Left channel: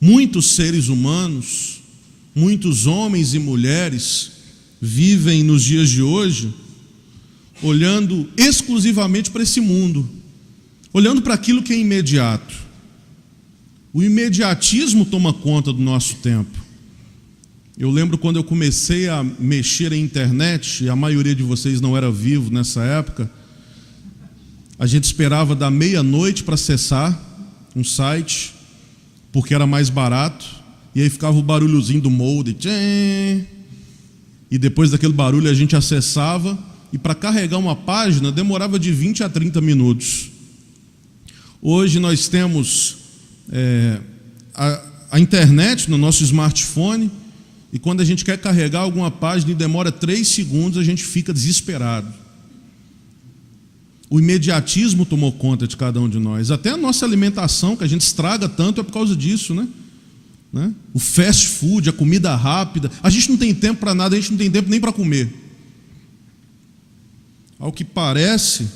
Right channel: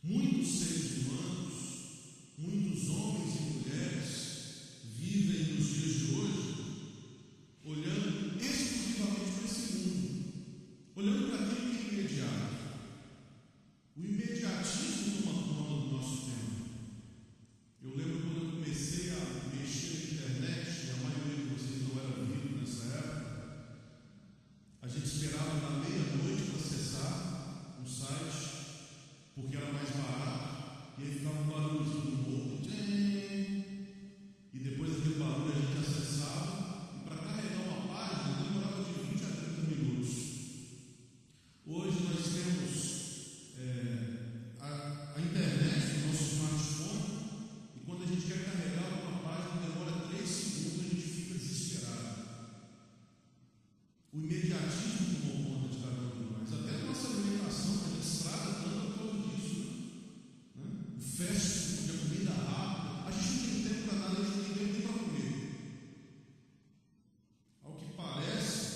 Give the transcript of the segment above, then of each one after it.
Muitos seres humanos, muitos homens e mulheres vivem nos dias de hoje olhando exclusivamente para esse mundo, olhando para aquilo que é imediato. O imediatismo toma conta do nosso tempo. Eu lembro quando eu comecei a mexer em internet, e a maioria de vocês não era vivo nessa época, a gente esperava da meia-noite para acessar um site, porque era mais barato, e aí ficava o barulhozinho do modem, e depois daquele barulho a gente acessava, e para carregar uma página demorava de 20 a 30 minutos. Hoje nós temos a internet no nosso smartphone, e quando a gente quer carregar alguma página e demora 3 segundos, a gente fica desesperado. O imediatismo tomou conta de cada um de nós. Até a nossa alimentação, que a gente estraga tanto, é por causa disso, né? O fast food, a comida rápida. A gente não tem tempo para nada, a gente não tem tempo nem para comer. Ao que parece,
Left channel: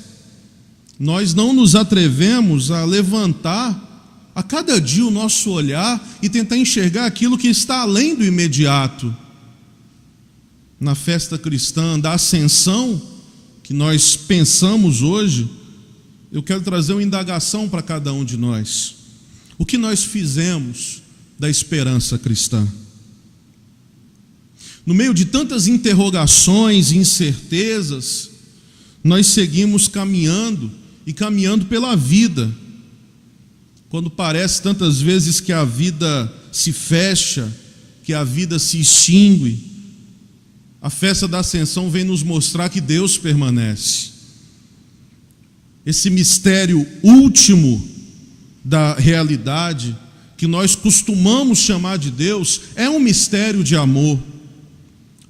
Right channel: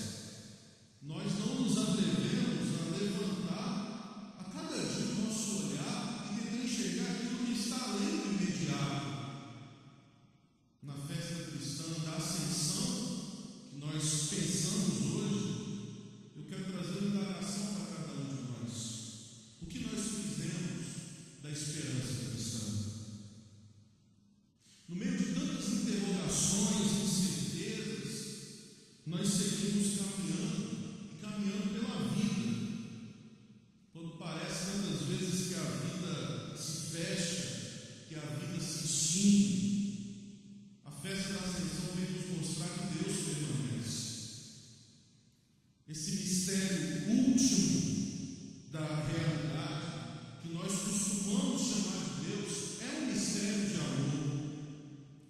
nós não nos atrevemos a levantar a cada dia o nosso olhar e tentar enxergar aquilo que está além do imediato. Na festa cristã da Ascensão, que nós pensamos hoje, eu quero trazer uma indagação para cada um de nós. O que nós fizemos da esperança cristã? No meio de tantas interrogações e incertezas, nós seguimos caminhando e caminhando pela vida, quando parece tantas vezes que a vida se fecha, que a vida se extingue. A festa da Ascensão vem nos mostrar que Deus permanece. Esse mistério último da realidade, que nós costumamos chamar de Deus, é um mistério de amor.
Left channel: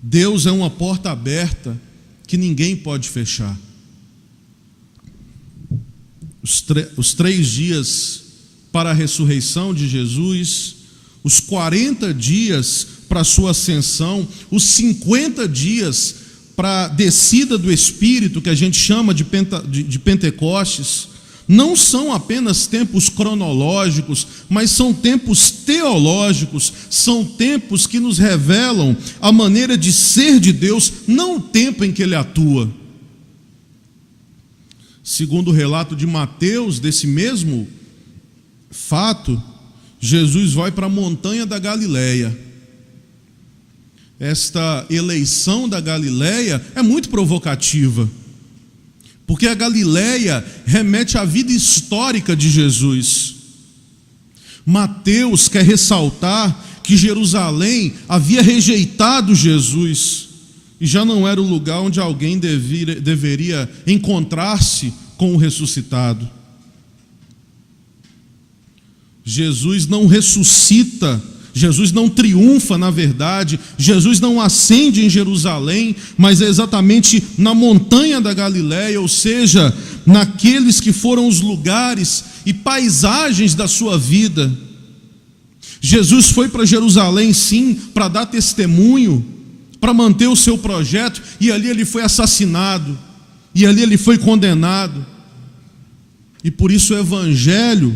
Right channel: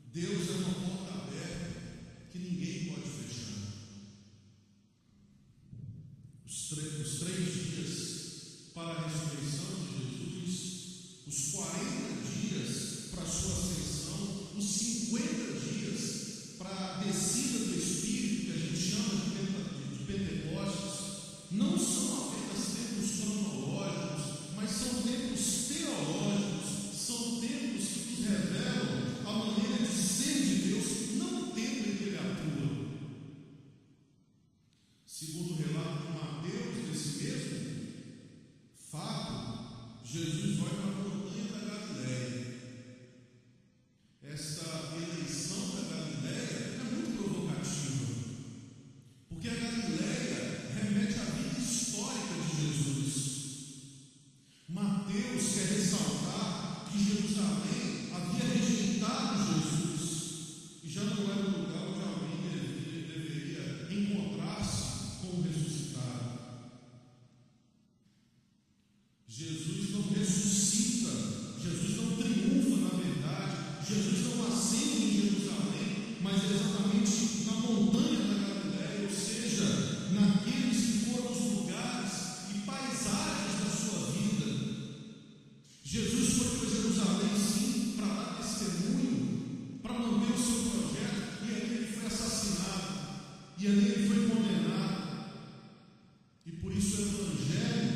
Deus é uma porta aberta que ninguém pode fechar. Os 3 dias para a ressurreição de Jesus, os 40 dias para a sua ascensão, os 50 dias para a descida do Espírito, que a gente chama de Pentecostes, não são apenas tempos cronológicos, mas são tempos teológicos, são tempos que nos revelam a maneira de ser de Deus, não o tempo em que Ele atua. Segundo o relato de Mateus, desse mesmo fato, Jesus vai para a montanha da Galileia. Esta eleição da Galileia é muito provocativa, porque a Galileia remete à vida histórica de Jesus. Mateus quer ressaltar que Jerusalém havia rejeitado Jesus, e já não era o lugar onde alguém deveria encontrar-se com o ressuscitado. Jesus não ressuscita, Jesus não triunfa, na verdade, Jesus não ascende em Jerusalém, mas é exatamente na montanha da Galileia, ou seja, naqueles que foram os lugares e paisagens da sua vida. Jesus foi para Jerusalém, sim, para dar testemunho, para manter o seu projeto, e ali ele foi assassinado, e ali ele foi condenado. E por isso o Evangelho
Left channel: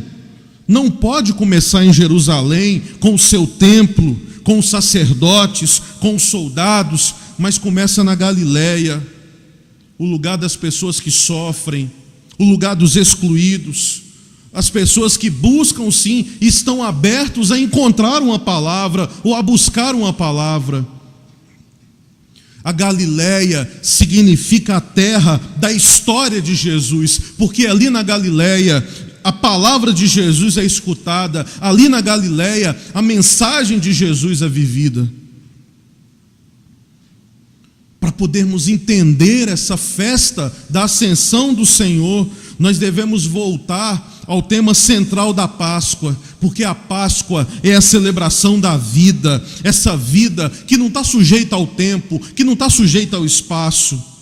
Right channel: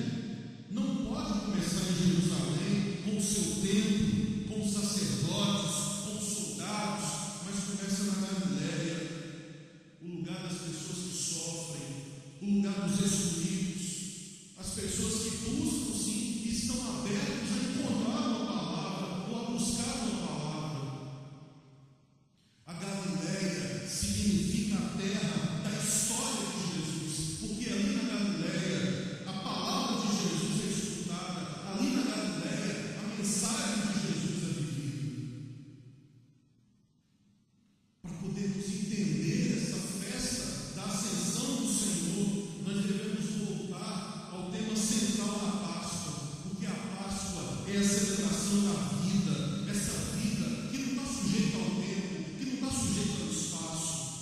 não pode começar em Jerusalém, com o seu templo, com os sacerdotes, com os soldados, mas começa na Galileia, o lugar das pessoas que sofrem, o lugar dos excluídos, as pessoas que buscam sim, e estão abertos a encontrar uma palavra, ou a buscar uma palavra. A Galileia significa a terra da história de Jesus, porque ali na Galileia a palavra de Jesus é escutada, ali na Galileia a mensagem de Jesus é vivida. Para podermos entender essa festa da ascensão do Senhor, nós devemos voltar ao tema central da Páscoa, porque a Páscoa é a celebração da vida, essa vida que não está sujeita ao tempo, que não está sujeita ao espaço.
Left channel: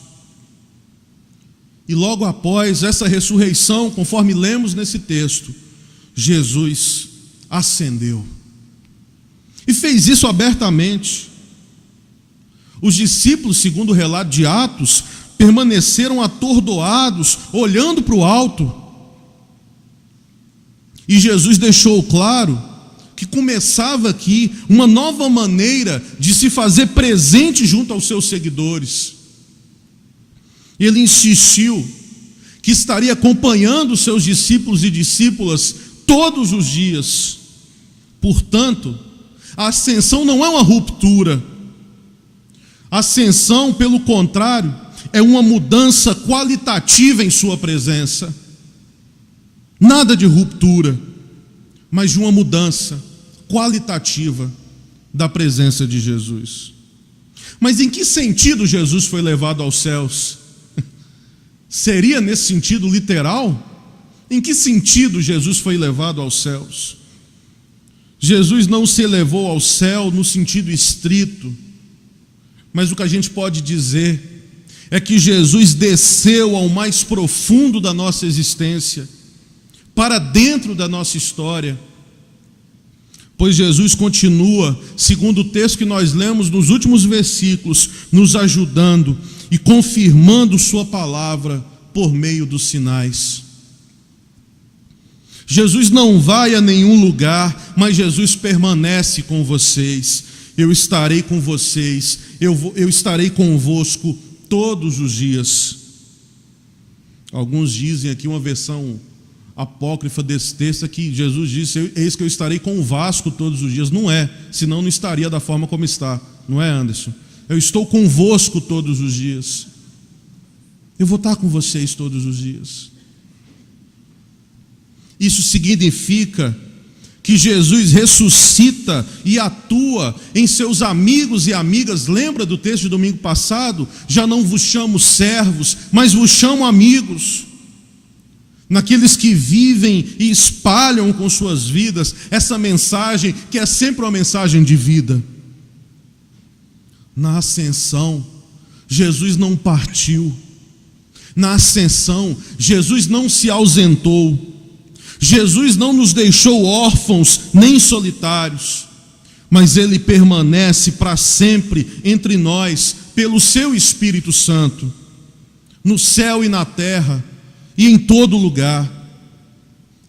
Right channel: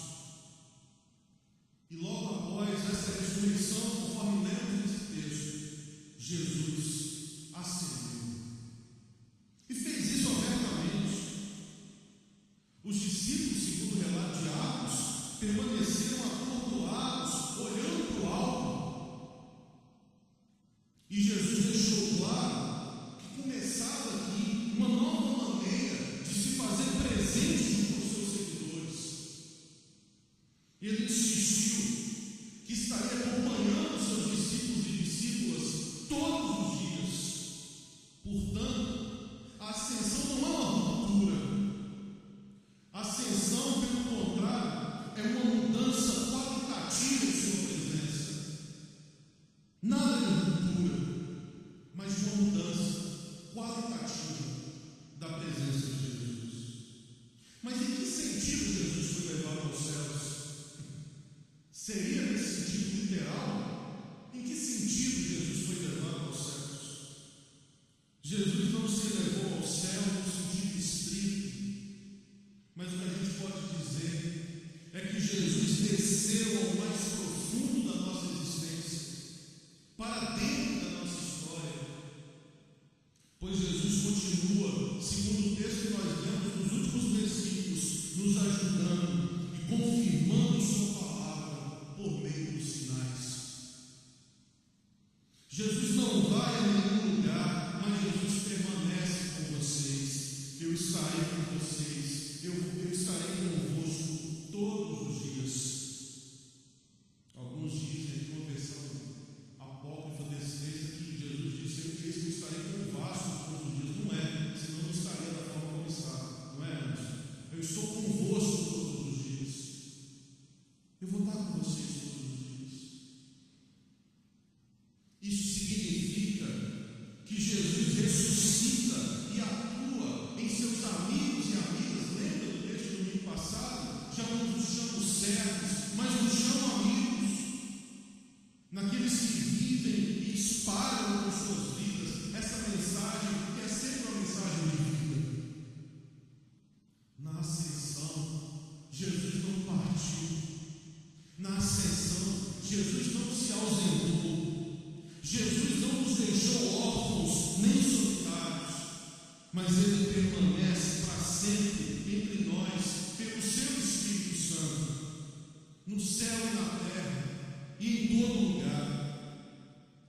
E logo após essa ressurreição, conforme lemos nesse texto, Jesus ascendeu e fez isso abertamente. Os discípulos, segundo o relato de Atos, permaneceram atordoados, olhando para o alto. E Jesus deixou claro que começava aqui uma nova maneira de se fazer presente junto aos seus seguidores. Ele insistiu que estaria acompanhando os seus discípulos e discípulas todos os dias. Portanto, a ascensão não é uma ruptura. A ascensão, pelo contrário, é uma mudança qualitativa em sua presença. Nada de ruptura, mas de uma mudança qualitativa da presença de Jesus. Mas em que sentido Jesus foi levado aos céus? Seria nesse sentido literal? Em que sentido Jesus foi levado aos céus? Jesus não se elevou ao céu no sentido estrito, mas o que a gente pode dizer é que Jesus desceu ao mais profundo da nossa existência, para dentro da nossa história, pois Jesus continua, segundo o texto que nós lemos nos últimos versículos, nos ajudando e confirmando sua palavra por meio dos sinais. Jesus não vai a nenhum lugar, mas Jesus permanece com vocês. Eu estarei com vocês, eu estarei convosco todos os dias. Alguns dizem aqui uma versão apócrifa desse texto que Jesus disse: eis que eu estarei convosco todos os dias. Não é, senão não estaria da forma como está. Não é, Anderson? Eu estou convosco todos os dias. Eu vou estar com vocês todos os dias. Isso significa que Jesus ressuscita e atua em seus amigos e amigas. Lembra do texto de domingo passado? Já não vos chamo servos, mas vos chamo amigos. Naqueles que vivem e espalham com suas vidas essa mensagem, que é sempre uma mensagem de vida. Na ascensão, Jesus não partiu. Na ascensão, Jesus não se ausentou. Jesus não nos deixou órfãos nem solitários, mas Ele permanece para sempre entre nós, pelo Seu Espírito Santo, no céu e na terra, e em todo lugar,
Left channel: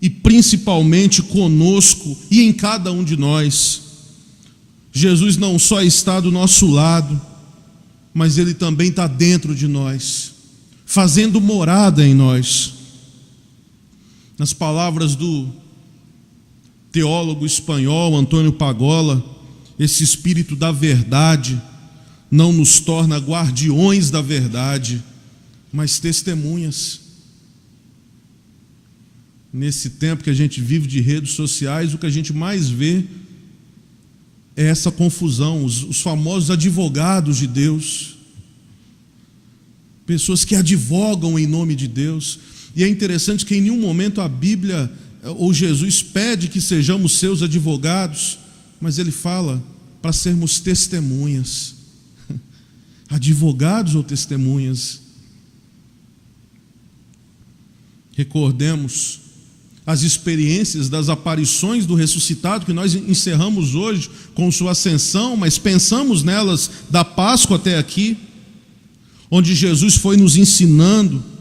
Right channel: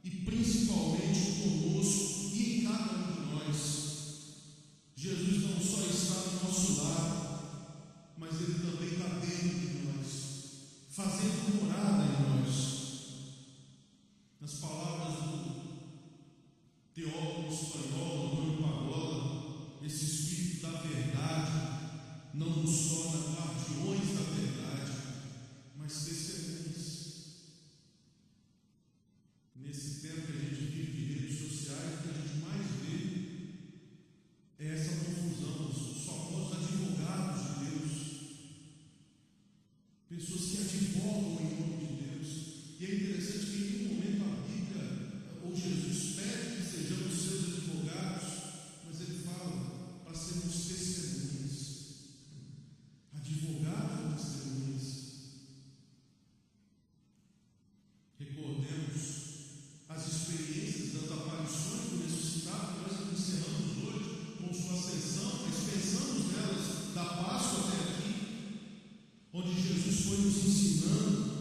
e principalmente conosco e em cada um de nós. Jesus não só está do nosso lado, mas Ele também está dentro de nós, fazendo morada em nós. Nas palavras do teólogo espanhol Antônio Pagola, esse Espírito da verdade não nos torna guardiões da verdade, mas testemunhas. Nesse tempo que a gente vive de redes sociais, o que a gente mais vê é essa confusão, os famosos advogados de Deus, pessoas que advogam em nome de Deus. E é interessante que em nenhum momento a Bíblia ou Jesus pede que sejamos seus advogados, mas Ele fala para sermos testemunhas. Advogados ou testemunhas? Recordemos as experiências das aparições do ressuscitado, que nós encerramos hoje com sua ascensão, mas pensamos nelas da Páscoa até aqui, onde Jesus foi nos ensinando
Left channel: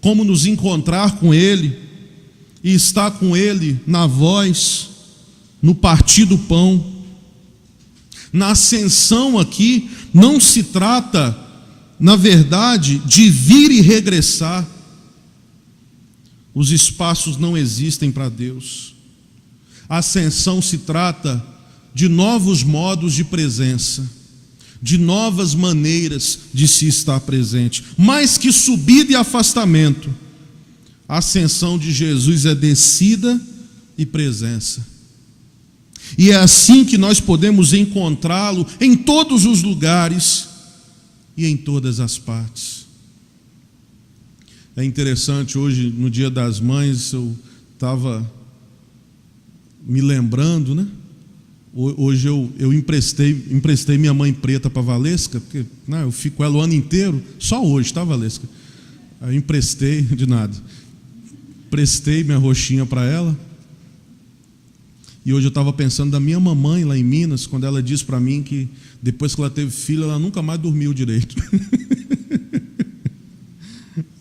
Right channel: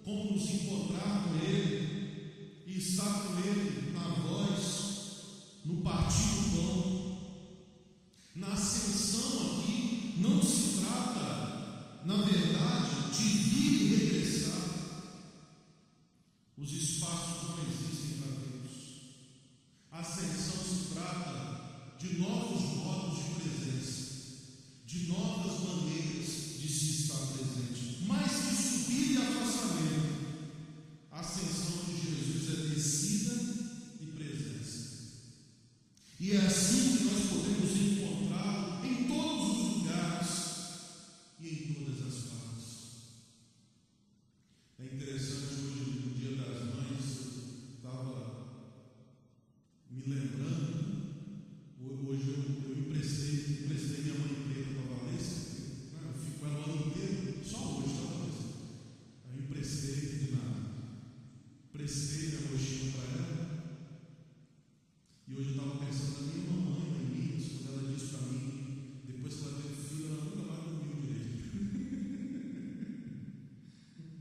como nos encontrar com Ele e estar com Ele na voz, no partir do pão. Na ascensão aqui não se trata, na verdade, de vir e regressar. Os espaços não existem para Deus. A ascensão se trata de novos modos de presença, de novas maneiras de se estar presente. Mais que subida e afastamento, a ascensão de Jesus é descida e presença. E é assim que nós podemos encontrá-lo em todos os lugares e em todas as partes. É interessante, hoje no Dia das Mães, eu estava me lembrando, né? Hoje eu emprestei minha mãe preta para a Valesca, porque eu fico com ela o ano inteiro, só hoje, tá, Valesca? Eu emprestei, de nada, prestei minha roxinha para ela. E hoje eu estava pensando da minha mamãe lá em Minas, quando ela disse para mim que depois que ela teve filho, ela nunca mais dormiu direito.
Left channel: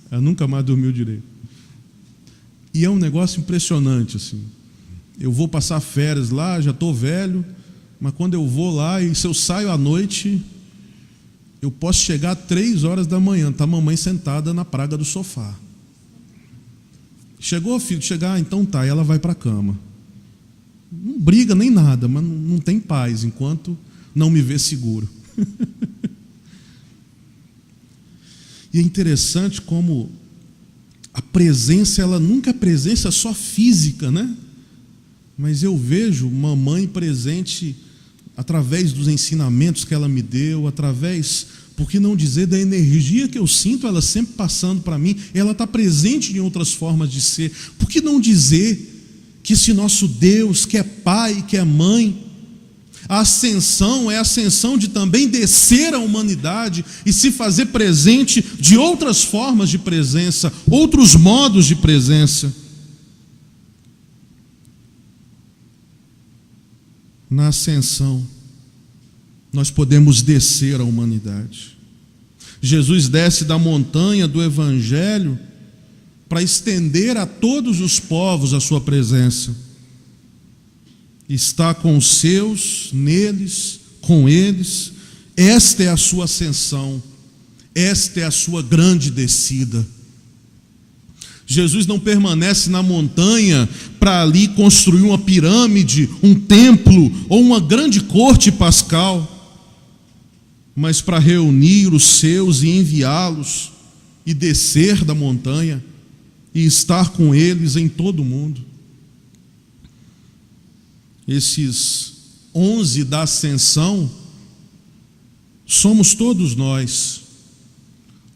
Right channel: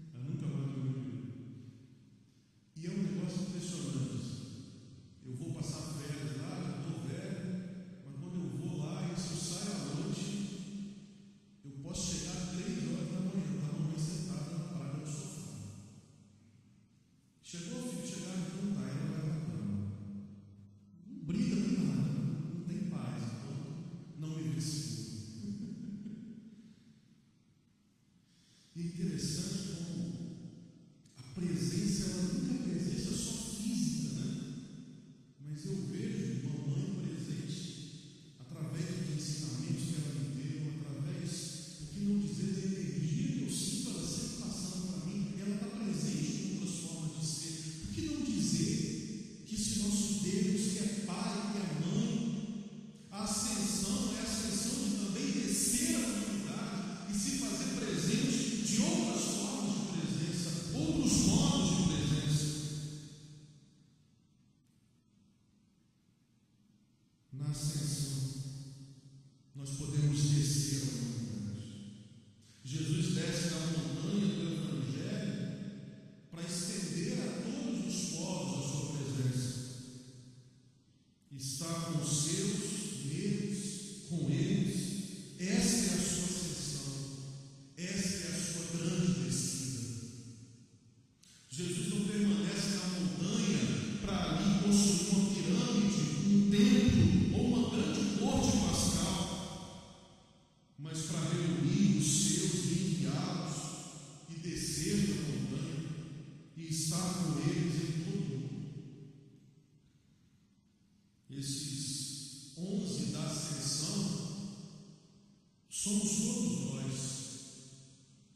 Ela nunca mais dormiu direito. E é um negócio impressionante, assim. Eu vou passar férias lá, já estou velho, mas quando eu vou lá e se eu saio à noite, eu posso chegar 3 horas da manhã, está a mamãe sentada na praga do sofá. Chegou, filho? Chegar, então tá, e ela vai para a cama. Não briga nem nada, mas não tem paz enquanto não me vê seguro. E é interessante como a presença, ela nunca é presença só física, né? Mas eu vejo mamãe presente através dos ensinamentos que ela me deu, através, por que não dizer, da energia que eu sinto, ela sempre passando para mim, ela está presente em outras formas de ser. Por que não dizer que esse nosso Deus, que é Pai, que é Mãe, a ascensão é a ascensão de também descer à humanidade e se fazer presente de outras formas de presença, outros modos de presença. Na ascensão, nós podemos descer à humanidade. Jesus desce da montanha do Evangelho para estender a todos os povos a sua presença. Está com os seus, neles, com eles. Esta é a sua ascensão, esta é a sua grande descida. Jesus não permanece na montanha para ali construir uma pirâmide, um templo ou uma grande corte pascal, mas para reunir os seus e enviá-los e descer da montanha e estar com eles em todo o mundo. Esses 11 da ascensão somos todos nós,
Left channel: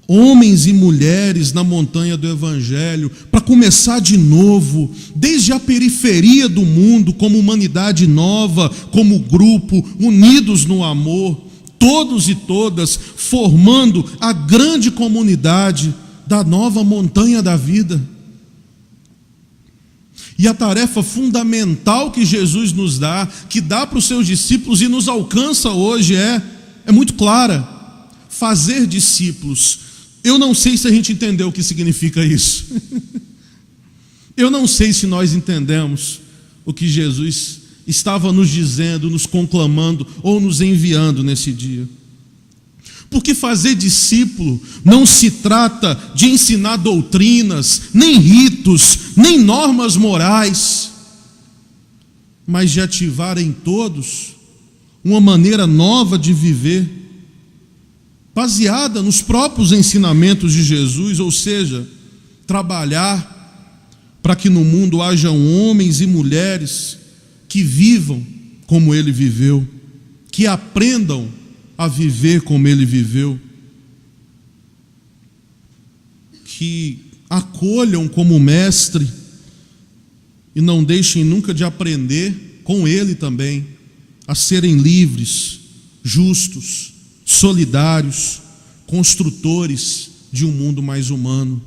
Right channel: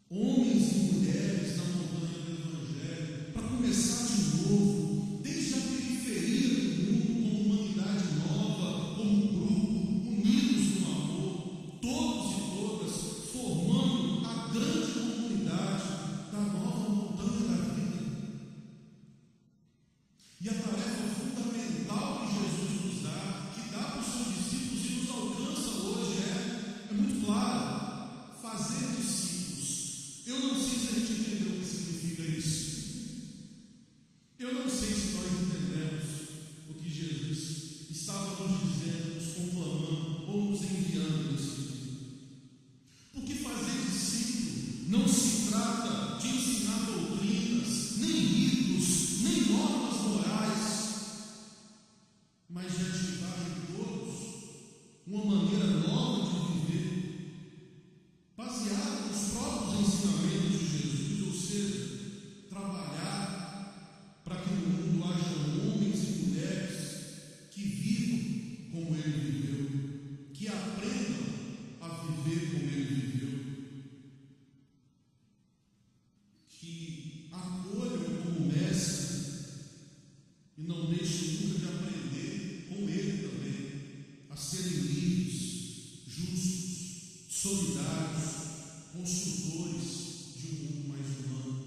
homens e mulheres na montanha do Evangelho, para começar de novo, desde a periferia do mundo, como humanidade nova, como grupo, unidos no amor, todos e todas, formando a grande comunidade da nova montanha da vida. E a tarefa fundamental que Jesus nos dá, que dá para os seus discípulos e nos alcança hoje é muito clara: fazer discípulos. Eu não sei se a gente entendeu o que significa isso. Eu não sei se nós entendemos o que Jesus estava nos dizendo, nos conclamando ou nos enviando nesse dia. Porque fazer discípulo não se trata de ensinar doutrinas, nem ritos, nem normas morais, mas de ativar em todos uma maneira nova de viver, baseada nos próprios ensinamentos de Jesus, ou seja, trabalhar para que no mundo hajam homens e mulheres que vivam como ele viveu, que aprendam a viver como ele viveu, que acolham como mestre e não deixem nunca de aprender com ele também, a serem livres, justos, solidários, construtores de um mundo mais humano.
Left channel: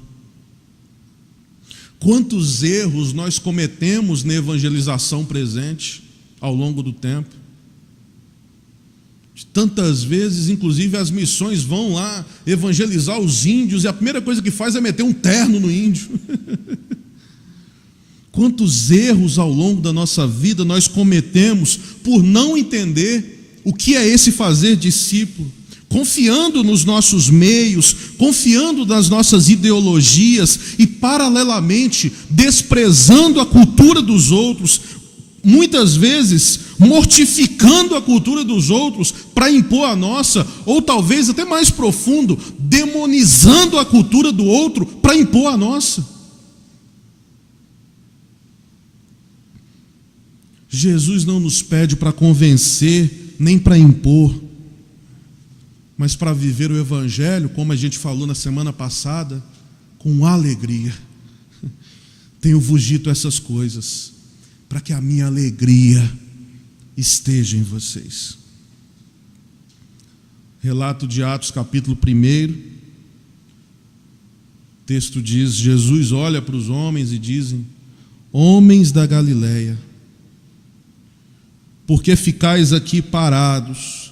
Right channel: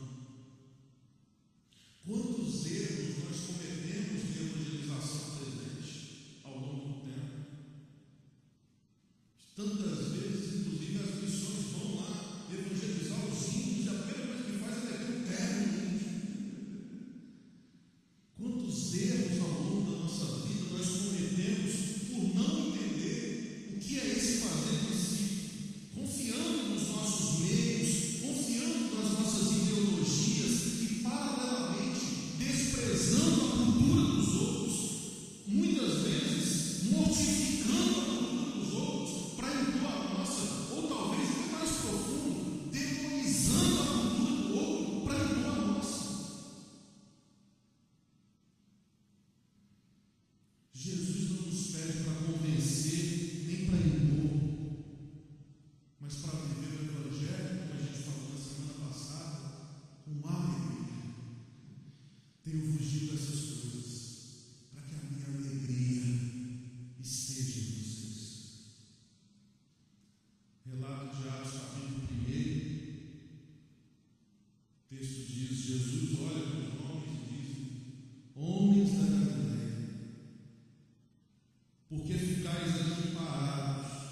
Quantos erros nós cometemos na evangelização presente ao longo do tempo? Tantas vezes, inclusive, as missões vão lá evangelizar os índios e a primeira coisa que faz é meter um terno no índio. Quantos erros ao longo da nossa vida nós cometemos por não entender o que é esse fazer discípulo, confiando nos nossos meios, confiando nas nossas ideologias e, paralelamente, desprezando a cultura dos outros, muitas vezes mortificando a cultura dos outros para impor a nossa, ou talvez até mais profundo, demonizando a cultura do outro para impor a nossa. Jesus não nos pede para convencer, nem para impor, mas para viver o Evangelho, como a gente falou na semana passada, com alegria. Tenho-vos dito essas coisas, para que a minha alegria esteja em vocês. Relato de Atos, capítulo 1, o texto diz: Jesus olha para os homens e dizem: homens da Galileia, por que ficais aqui parados,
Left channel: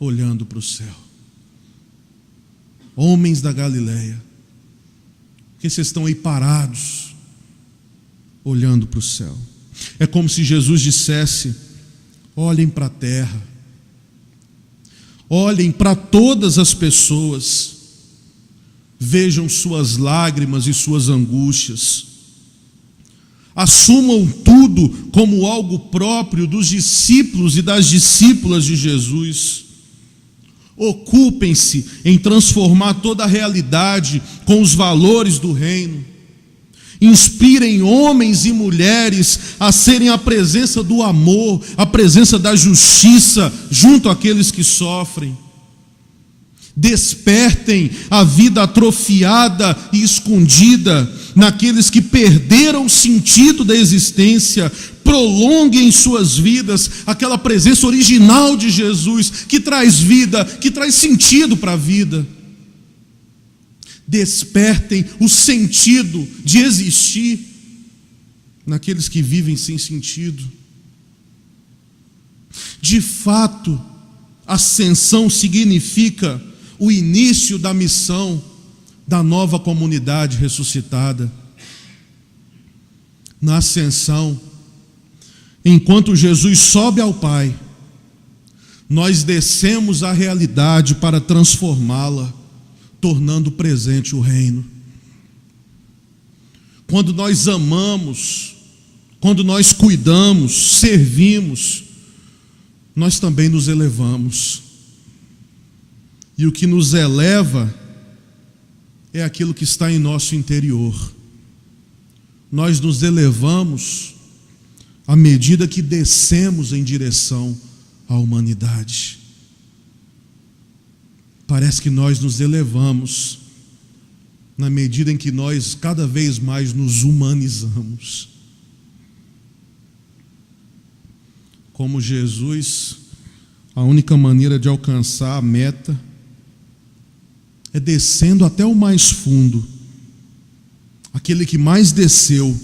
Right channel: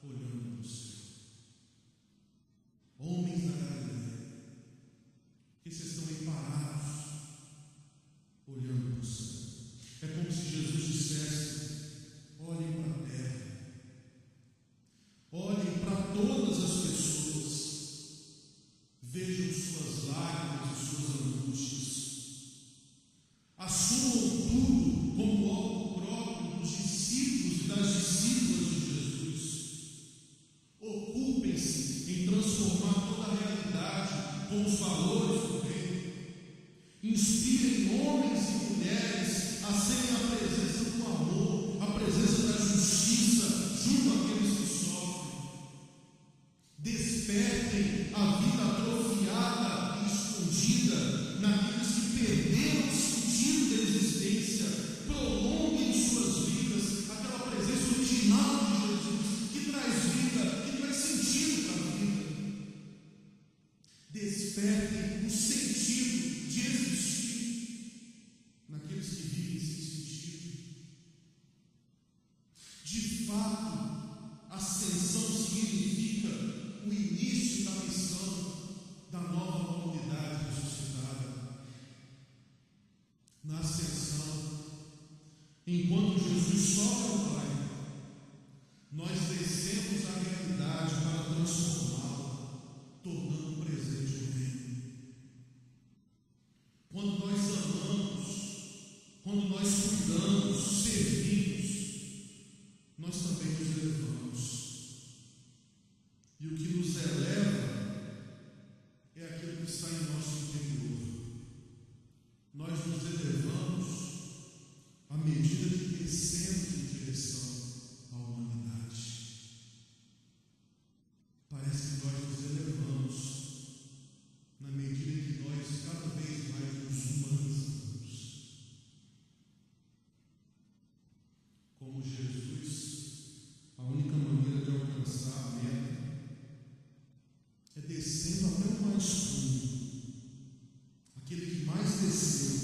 olhando para o céu? Homens da Galileia, por que vocês estão aí parados, olhando para o céu? É como se Jesus dissesse: olhem para a terra, olhem para todas as pessoas, vejam suas lágrimas e suas angústias, assumam tudo como algo próprio dos discípulos e das discípulas de Jesus. Ocupem-se em transformar toda a realidade com os valores do reino. Inspirem homens e mulheres a serem a presença do amor, a presença da justiça junto àqueles que sofrem. Despertem a vida atrofiada e escondida naqueles que perderam o sentido da existência. Prolonguem em suas vidas aquela presença original de Jesus, que traz vida, que traz sentido para a vida. Despertem o sentido de existir naqueles que vivem sem sentido. De fato, ascensão significa o início da missão da nova comunidade ressuscitada. Na ascensão, enquanto Jesus sobe ao Pai, nós descemos a realidade para transformá-la, tornando presente o reino. Quando nós amamos, quando nós cuidamos, servimos, nós também nos elevamos. E o que nos eleva é aquilo que está em nosso interior. Nós nos elevamos à medida que descemos em direção à humanidade. Parece que nós nos elevamos na medida em que nós cada vez mais nos humanizamos. Como Jesus, a única maneira de alcançar a meta é descendo até o mais fundo. Aquele que mais desceu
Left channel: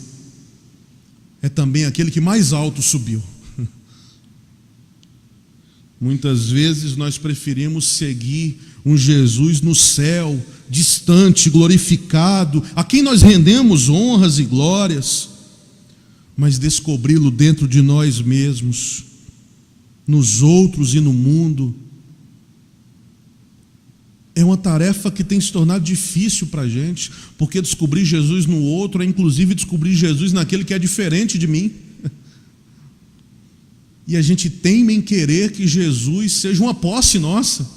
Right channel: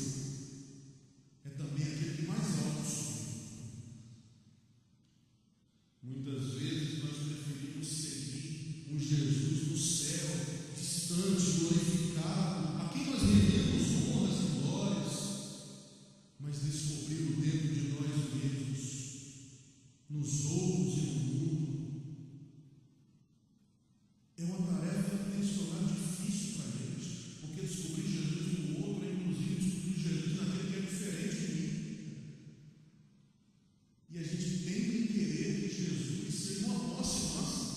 é também aquele que mais alto subiu. Muitas vezes nós preferimos seguir um Jesus no céu, distante, glorificado, a quem nós rendemos honras e glórias, mas descobri-lo dentro de nós mesmos, nos outros e no mundo, é uma tarefa que tem se tornado difícil para a gente, porque descobrir Jesus no outro é inclusive descobrir Jesus naquele que é diferente de mim. E a gente teima em querer que Jesus seja uma posse nossa.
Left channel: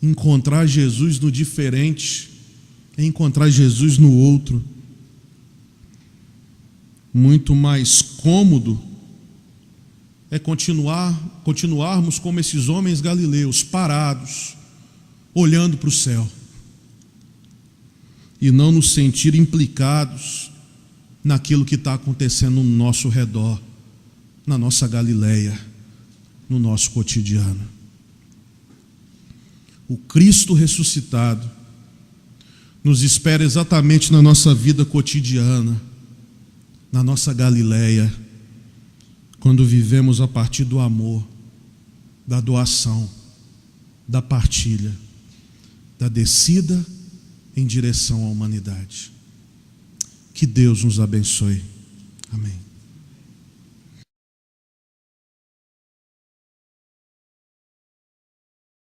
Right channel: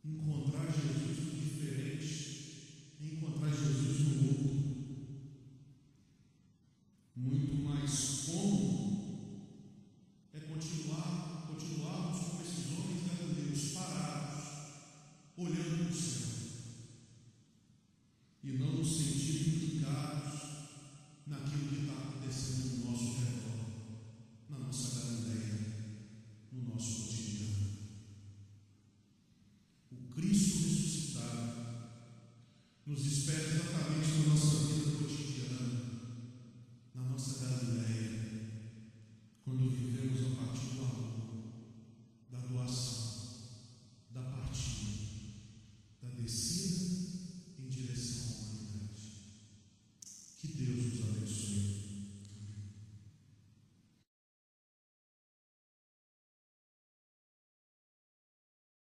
Encontrar Jesus no diferente é encontrar Jesus no outro. Muito mais cômodo é continuarmos como esses homens galileus, parados, olhando para o céu, e não nos sentir implicados naquilo que está acontecendo no nosso redor, na nossa Galileia, no nosso cotidiano. O Cristo ressuscitado nos espera exatamente na nossa vida cotidiana, na nossa Galileia, quando vivemos a partir do amor, da doação, da partilha, da descida em direção à humanidade. Que Deus nos abençoe. Amém.